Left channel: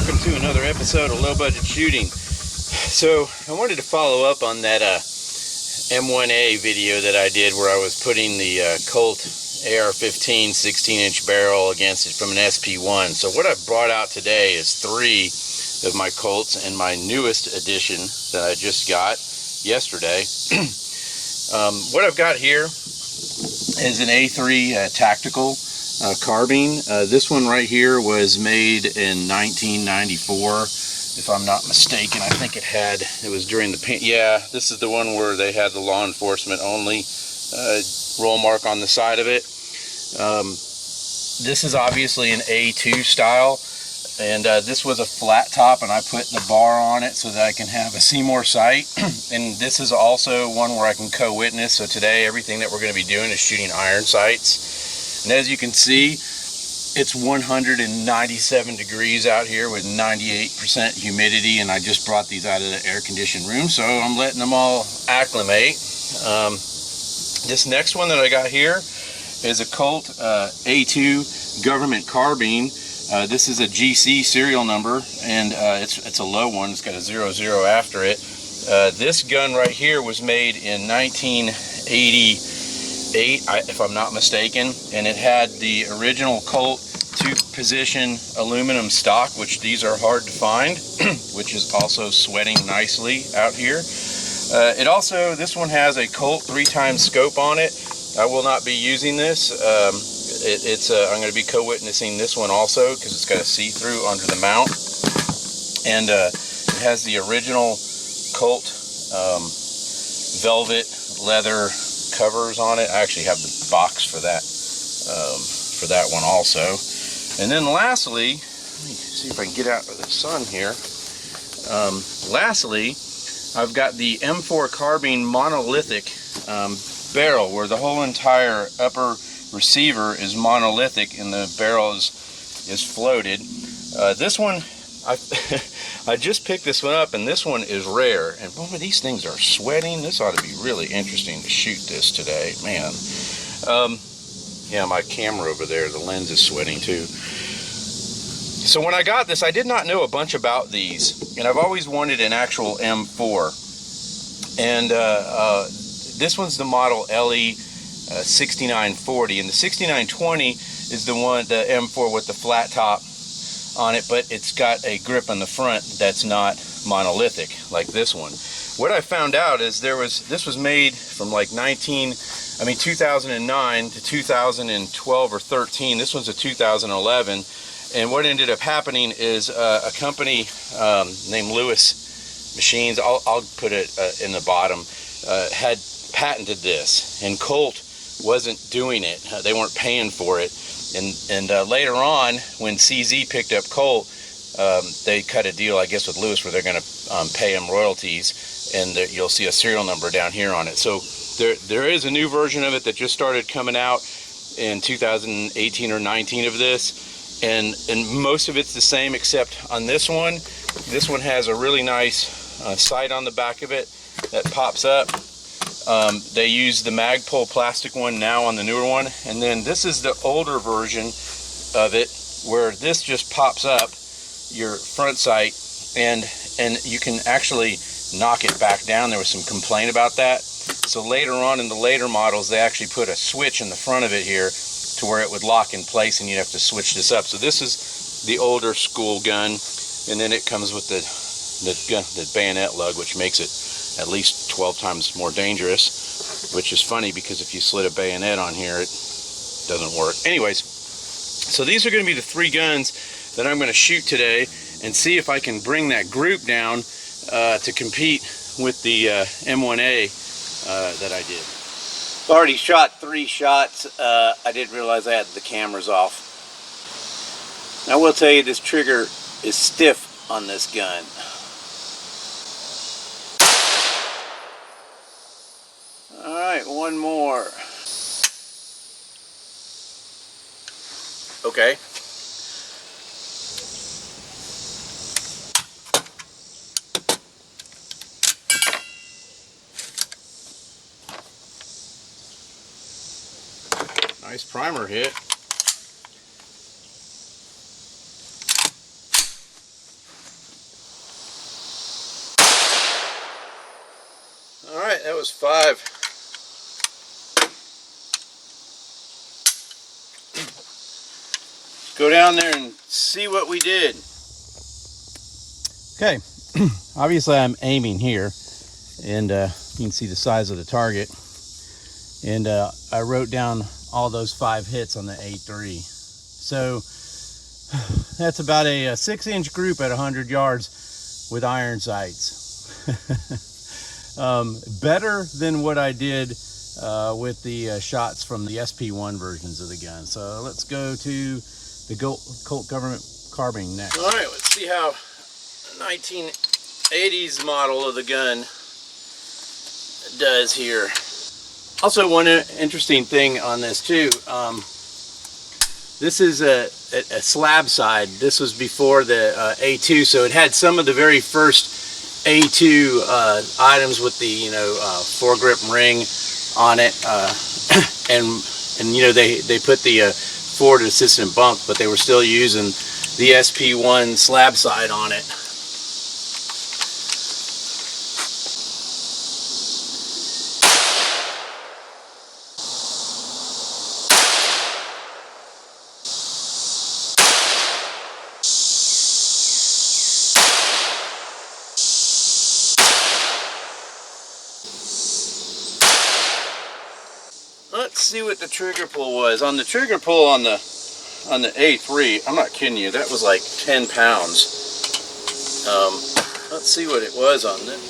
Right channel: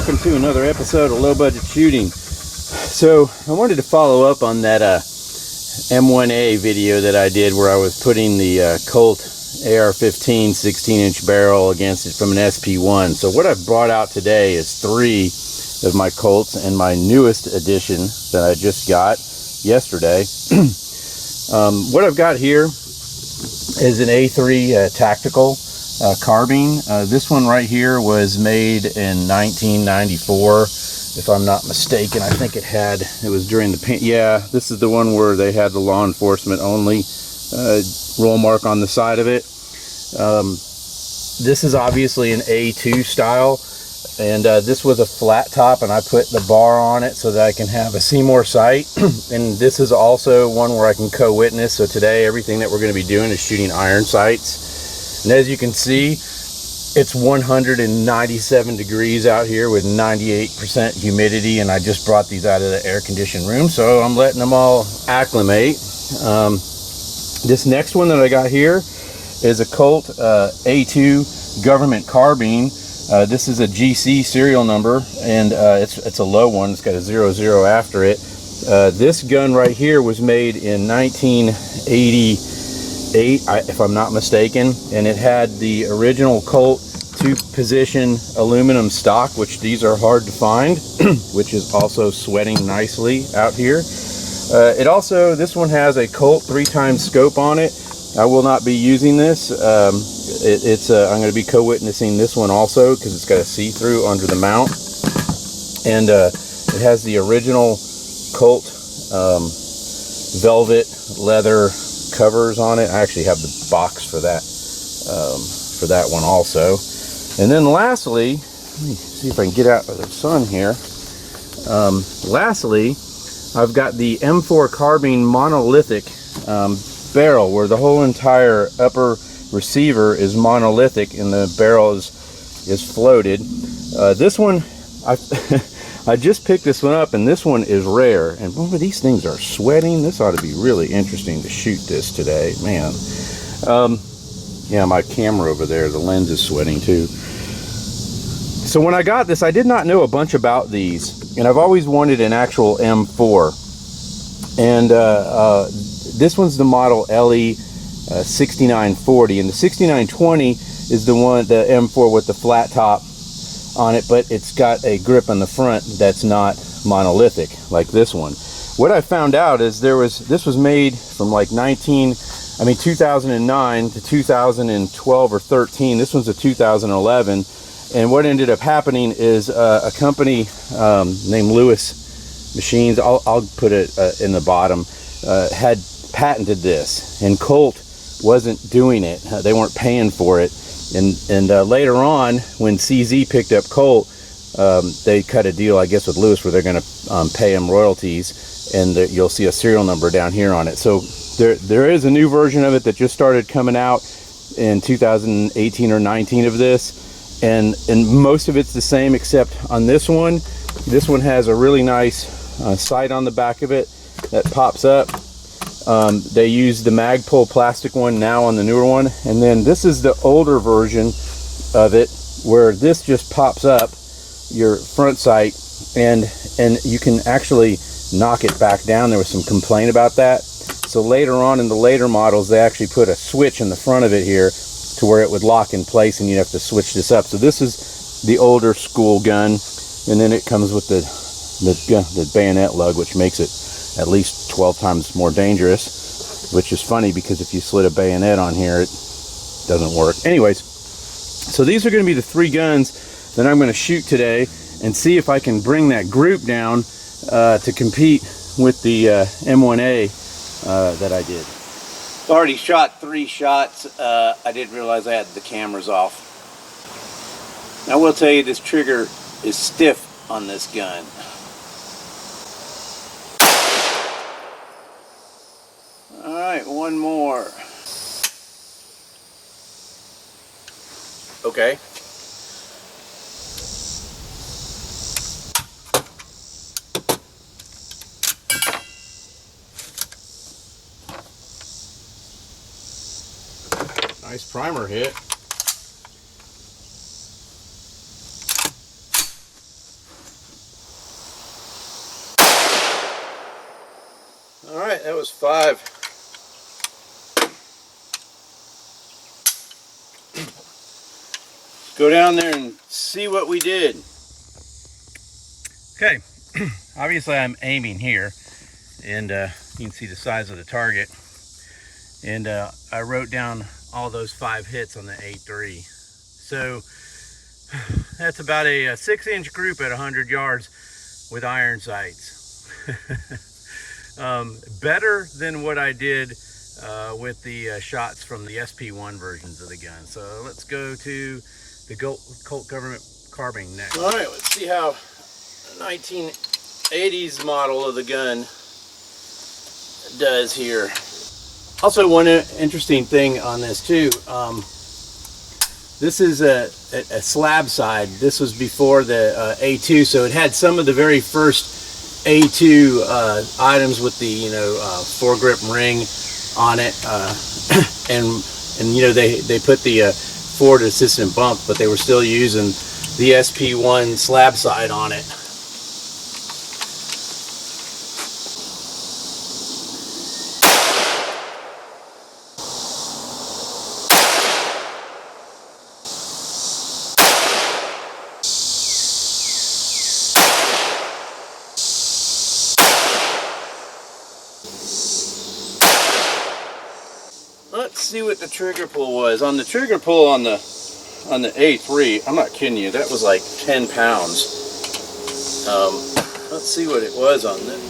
Welcome to another episode of Low Budget Shooting. So I wanted to follow up on that M1A video that I did where I was putting the Colt AR15 16-inch barrel against it from an SP1. So what I've brought out today is 3 of my Colts and my newest edition that I just got yesterday. What I've got here is an A3 tactical carbine. This one right here was made in 1994, if I'm not mistaken. I think it was during the yeah, this is the one where they had the law enforcement only roll mark on the side of it. This is obviously an A2 style, and this was a flat top, and I put the bar on it so that I can have a Seymour sight. And this is also one where I can co-witness. So today everything that we're going to be doing is shooting iron sights. And as you can see, it's 197 degrees out here with 98% humidity, and I just brought these out of the air-conditioned room, so I'm letting them all acclimate. This next one that I got here is a Colt A2 Government Carbine. This is a GC serial number, and it's a low one. It's got a 00 after it. This gun right here was made in 1988, if I'm not mistaken, and it had the original Colt 2-position aluminum stock, which these are hard to find, which is also sweating nicely out here. This one has a Colt 3x scope on it. I will not be using this. I'm going to be co-witnessing this one also because it's got a see-through under the mount, and it has the original Colt velvet leather covers on it. I actually have the box for that one also. And then lastly, let me see if I can get out of the sun here. Lastly, I've got the M4 carbine monolithic barrel, where the whole entire upper receiver is monolithic and the barrel is floated. This one, I just picked this one up, and this one is rare, and boy, these things are sweating. This ought to be really interesting to shoot this today, man. Yeah, my camera over there, the lens is sweating too. So when I got this, I did not know a bunch about these, and I've always wanted an actual M4, and this one's the model LE 6940, and the 6920 is the M4 with the flat top on it, but it's got a grip on the front that's not monolithic like this one. What I found out is this was made from like 2009 to 2012 or 13. This one's a 2011, and what ended up happening is a company named Lewis Machines, I'll put it in the bottom, had patented this, and Colt wasn't doing it. They weren't paying for it. And later on, when CZ picked up Colt, they cut a deal, I guess, with Lewis, where they're going to pay him royalties, and you'll see a serial number down here on it. So there is a new version of it that just started coming out in 2018 or 19 of this, and most of it's the same, except on this one. This one has a really nice sight on the back of it that pops up. They use the Magpul plastic one now on the newer one, and then this is the older version of it, where this just pops up your front sight, and you can actually knock it back down. There was some complaint about that, so later on in the later models they actually put a switch in the front of it here to where it would lock in place, and you'd have to switch this up. So this is the older school gun, and then it comes with the bayonet lug, which makes it at least 12 times more dangerous, which is funny because if you slid a bayonet on here, it doesn't work. Anyways, so these are going to be the 3 guns that I'm going to shoot today, and see if I can bring that group down to compete with the M1A that I did. Already shot 3 shots. I didn't realize I had the cameras off. I will tell you, this trigger is stiff on this gun. Alright, one more. Okay. Nice primer hit. right, that was 5. Go down there and see what we did. Okay, obviously I'm aiming here, and you can see the size of the target. And I wrote down all those 5 hits on the A3. So that's about a 6-inch group at 100 yards with iron sights. Better than what I did with the shots from the SP1 versions of the gun. So let's go to the Colt Government Carbine next. All right, let's see how 1980s model of the gun does here. Also, one interesting thing on this too, this is a slab side. This was before the A2, so it had some of the very first A2 items with the foregrip ring on it, and they put the forward assistant bump, but they were still using the SP1 slab side on it. Let's see what the trigger pull was. On the trigger pull on the A3, I'm not kidding you, that was like 10 pounds. Let's see what it was on this.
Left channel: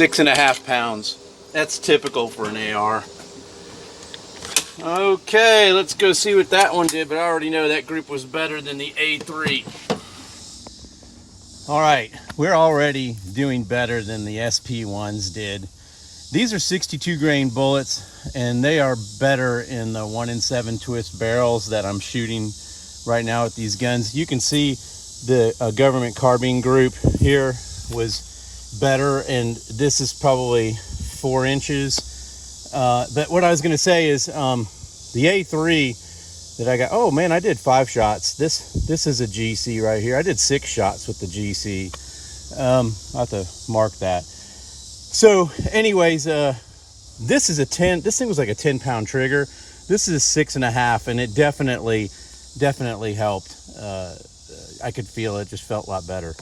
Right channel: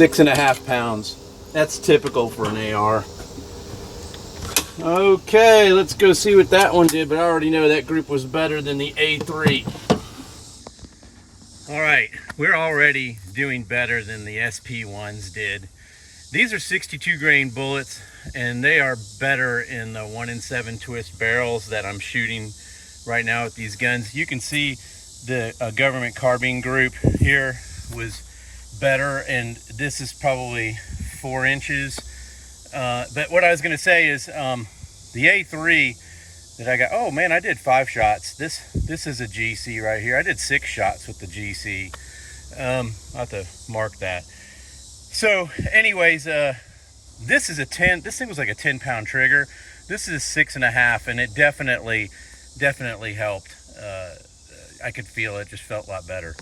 6.5 pounds. That's typical for an AR. Okay, let's go see what that one did, but I already know that group was better than the A3. All right, we're already doing better than the SP1s did. These are 62 grain bullets, and they are better in the 1 in 7 twist barrels that I'm shooting right now with these guns. You can see the Government Carbine group here was better, and this is probably 4 inches. But what I was gonna say is the A3 that I got, oh man, I did 5 shots. This is a GC right here. I did 6 shots with the GC. I'll have to mark that. So anyways, this is a 10, this thing was like a 10-pound trigger. This is 6.5, and it definitely helped. I could feel it, just felt a lot better.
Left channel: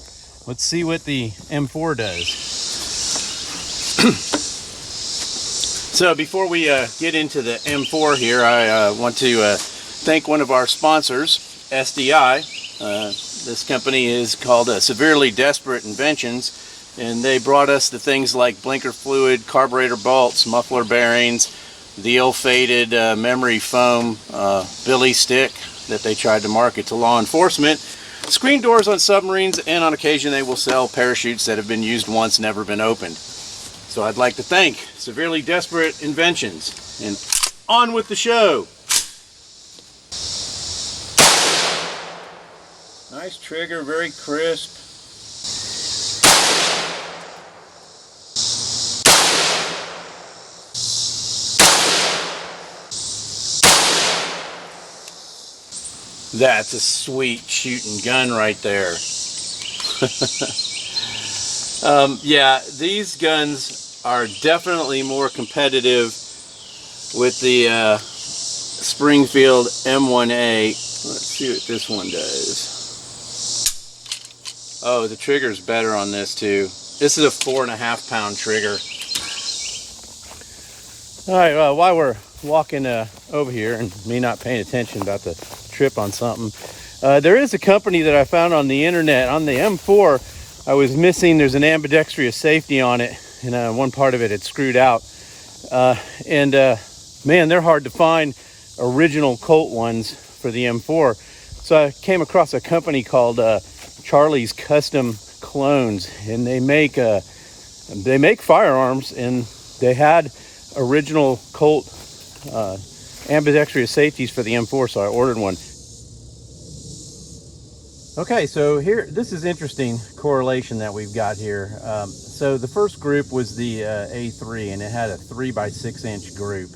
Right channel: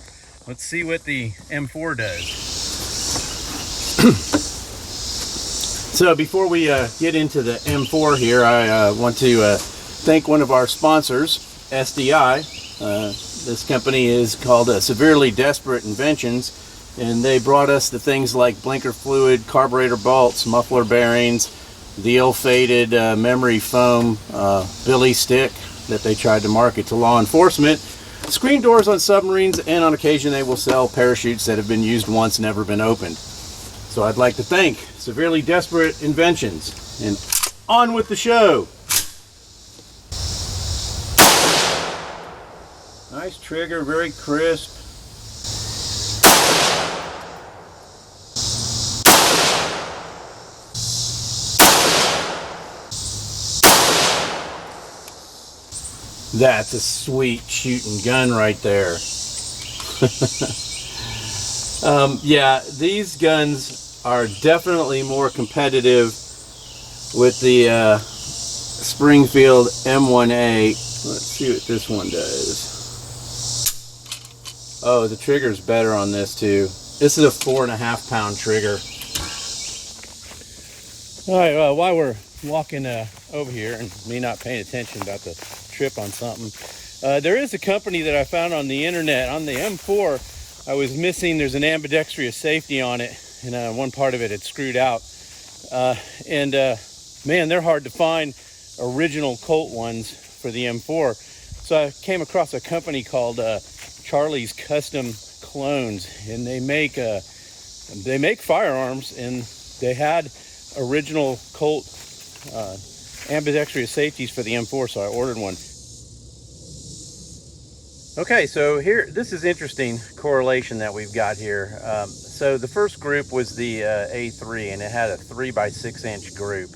Let's see what the M4 does. So before we get into the M4 here, I want to thank one of our sponsors, SDI. This company is called Severely Desperate Inventions, and they brought us the things like blinker fluid, carburetor bolts, muffler bearings, the ill-fated memory foam billy stick that they tried to market to law enforcement, screen doors on submarines, and on occasion they will sell parachutes that have been used once, never been opened. So I'd like to thank Severely Desperate Inventions, and on with the show. Nice trigger, very crisp. That's a sweet shooting gun right there. Yeah, these guns are definitely more competitive with the Springfield M1A. Let's see what this one does. Oh, the trigger's better on this too. This is a 4.5 pound trigger. All right, well, while we're walking over here and me not paying attention about the trip on something, there is a company that I found on the internet. On the M4, I was missing, there's an ambidextrous safety on it, and one part of it had screwed out. Man, they're hard to find, original Colt ones for the M4. So I came across a company called Charlie's Custom Clones, and they make firearms, and they had original Colt ambidextrous safeties for the M4, so I ordered one. Okay, so here, this is interesting correlation that we've got here. So the first group was the A3, and it had a 3x6 inch group,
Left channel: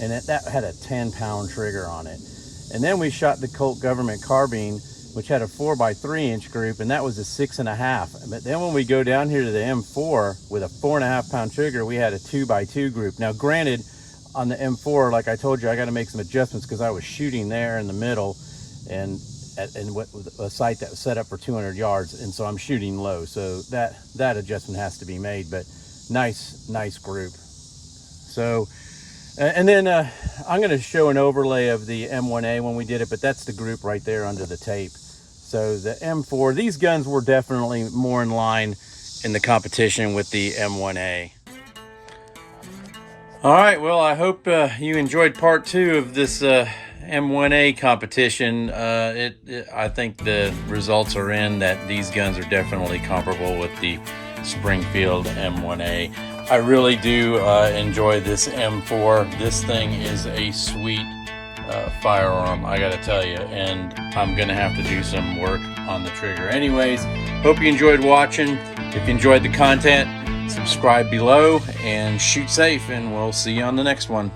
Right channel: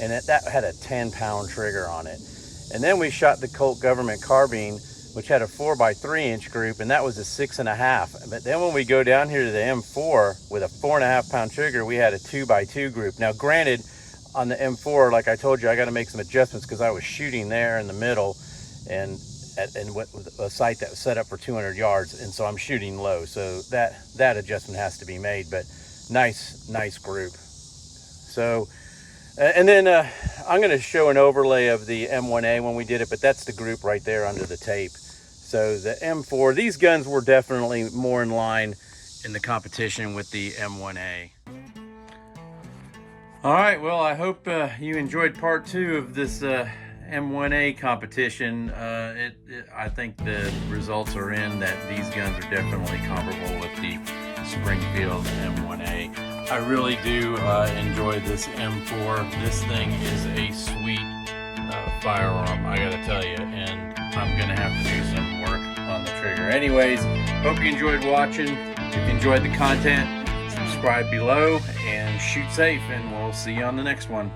and that had a 10-pound trigger on it. And then we shot the Colt Government Carbine, which had a 4x3 inch group, and that was a 6.5. But then when we go down here to the M4 with a 4.5 pound trigger, we had a 2x2 group. Now granted, on the M4, like I told you, I got to make some adjustments because I was shooting there in the middle and what a sight that was set up for 200 yards, and so I'm shooting low, so that adjustment has to be made. But nice group. So and then I'm going to show an overlay of the M1A when we did it, but that's the group right there under the tape. So the M4, these guns were definitely more in line in the competition with the M1A. All right, well, I hope you enjoyed part 2 of this M1A competition. I think the results are in that these guns are definitely comparable with the Springfield M1A. I really do enjoy this M4. This thing is a sweet firearm, I gotta tell you, and I'm gonna have to do some work on the trigger. Anyways, hope you enjoyed watching. If you enjoyed the content, subscribe below and shoot safe, and we'll see you on the next one.